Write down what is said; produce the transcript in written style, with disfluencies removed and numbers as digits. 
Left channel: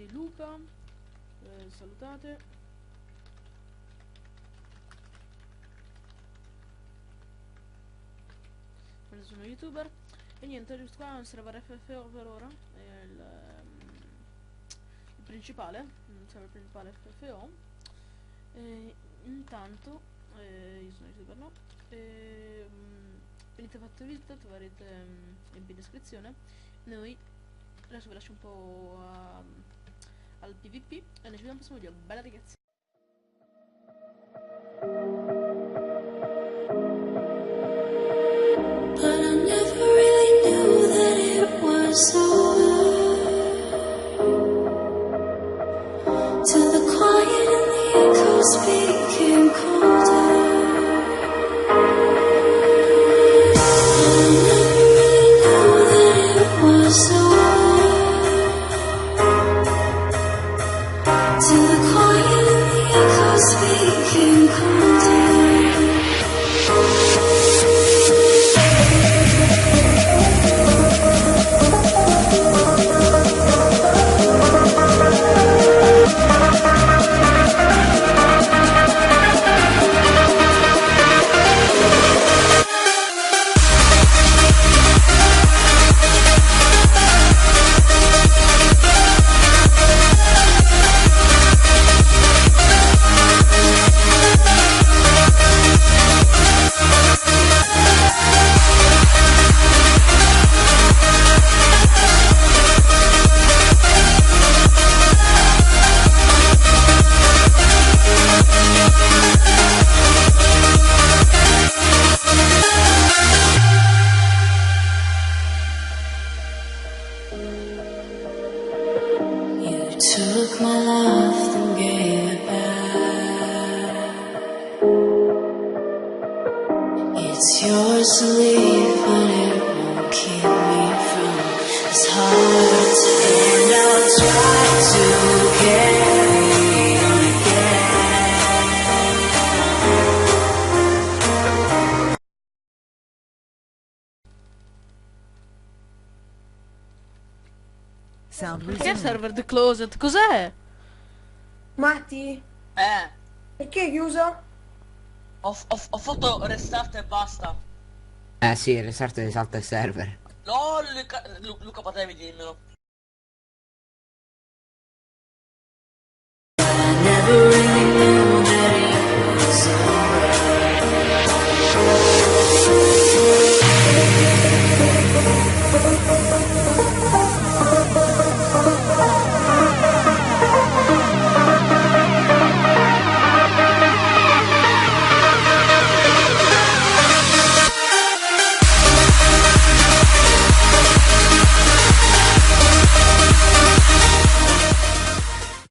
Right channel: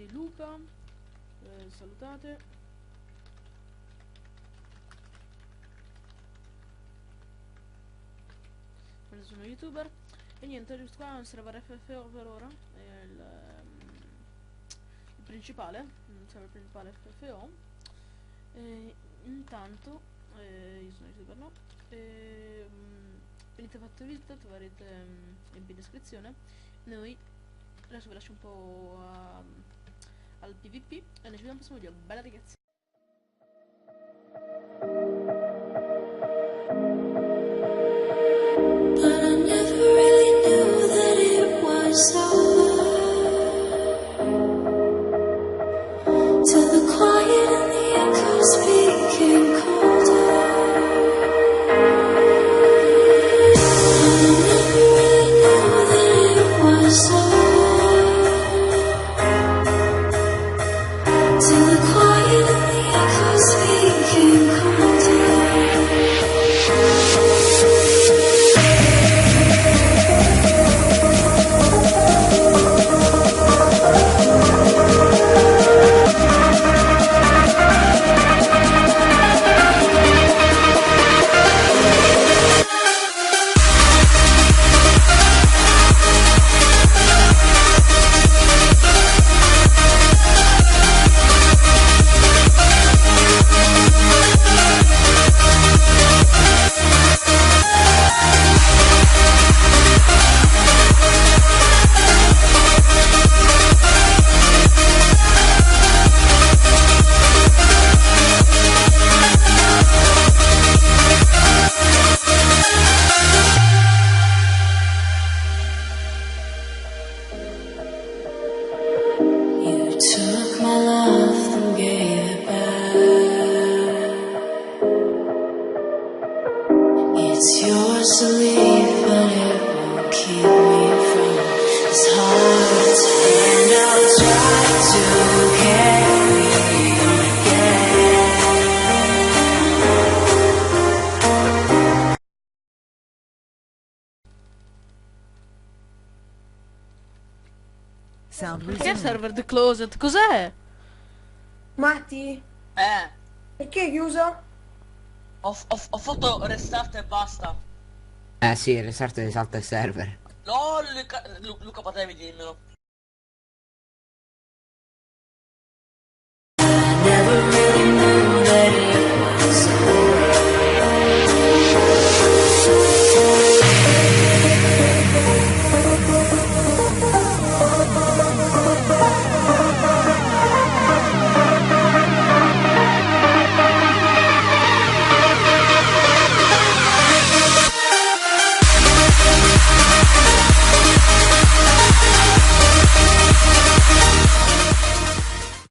di Luca, salutate. Sono youtuber e niente, qua è un server FFO per ora, è il principale, il server principale FFO. E intanto io sono youtuber, no? Venite fatto visita, troverete link in descrizione. Noi adesso vi lascio un po' al PvP e noi ci vediamo al prossimo video. Bella ragazzi! But I never really knew that it was over. Till the quiet and the echoes became colder. And I never really knew that it was over. Till the quiet and the echoes became colder. Took my love and gave it back. It's yours to leave, but it won't keep me from this heart. And I'll try to carry on again. Perché server the closet? Cos'è? Matti, perché è chiuso? Ho fatto restart e basta. Sì, restart e salta il server. No, Luca, potevi dirmelo.